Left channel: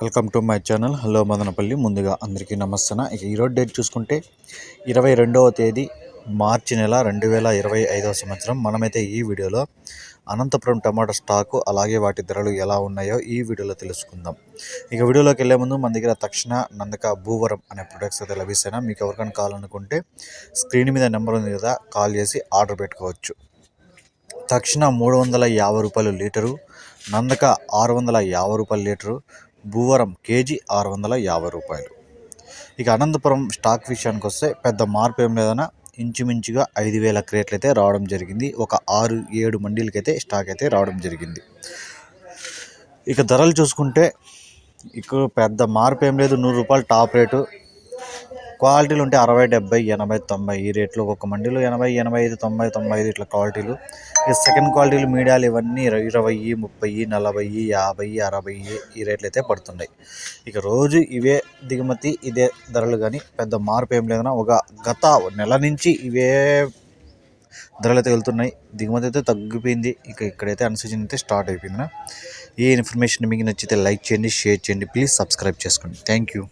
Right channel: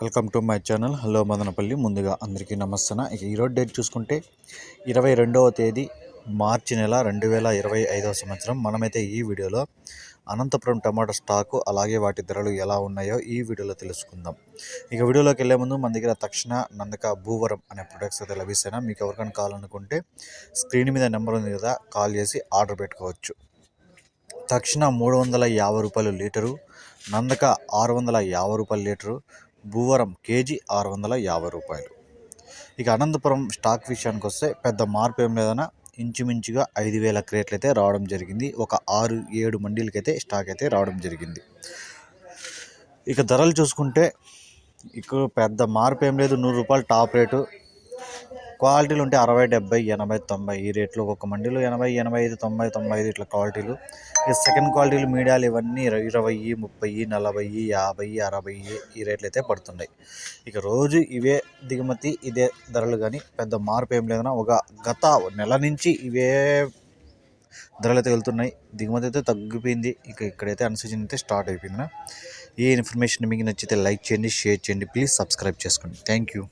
Welcome to my channel. Hello Madanapalle. ముందుగా అందరికీ నమస్తే ఇక ఈరోజు డేట్ చూసుకుంటే ఇరవై రెండవ తేదీ మార్చి నెల రెండు వేల ఇరవై ఐదవ సంవత్సరం. మనమైతే ఈ వీడియోలో అనంతపురం టమాటా స్టాకు అలాగే వాటి ధరలు ఎలా ఉన్నాయో ఈ వీడియోలో తెలుసుకుందాం. ఇక వీడియోలోకి వెళ్ళే ముందు మన దగ్గర తక్షణ నందక భూవరం అనే ప్రొడక్ట్స్ అయితే లభిస్తాయి మీకు ఎవరికైనా కావాలనుకుంటే స్క్రీన్ మీద నెంబర్ ఉంది కదా కాల్ చేసి ఆర్డర్ పెట్టుకోవచ్చు. తక్షణ మూడు వందల యాభై రూపాయలు లీటరు నందక ఆరు వందల యాభై రూపాయల లీటరు భూవరం కేజీ ఆరు వందల యాభై రూపాయలు. ఇక అనంతపురం స్టాక్ విషయానికి వస్తే పెద్ద మార్పు ఏం లేదన్నా ఇంచుమించుగా ఐదు వేల క్రేట్లు అయితే రావడం జరిగింది. ఒక ఆరు ఏడు మండీలకైతే స్టాక్ అయితే రావడం జరిగింది. ఇక ధరలు చూసుకుంటే ఇక పెద్ద మార్పు ఏం లేదు. నూరు రూపాయలు టాప్ రేటు. క్వాలిటీలు ఉంటే అరవై డెబ్బై ఎనభై తొంభై. ఈ రేట్లు ఒక్కొక్క మండీలో ఎనభై ఎనభై ఐదు తొంభై తొంభై ఐదు ఇట్లా క్వాలిటీలు. ఈ సెకండ్ క్వాలిటీలు మీడియాలు ఇవన్నీ ఇరవై ముప్పై నలభై యాభై అరవై ఈ రేట్లు అయితే పడుతున్నాయి. ఇక రోజు ఇవే దిగుమతి ఇదే ధరలు కానీ పెద్ద మార్పు ఏం లేదన్నా ఒక గత నెల నుంచి ఇవే ధరలు అయితే వెళ్తున్నాయి. దిగుమతి అయితే తగ్గిపోయింది. ఇక ఇక్కడైతే అన్సీజన్ అయితే స్టార్ట్ అయిపోయింది ఈ ఇన్ఫర్మేషన్ మీకు నచ్చితే లైక్ చేయండి షేర్ చేయండి. ప్లీజ్ సబ్స్క్రైబ్ చేసుకోండి. Thank you.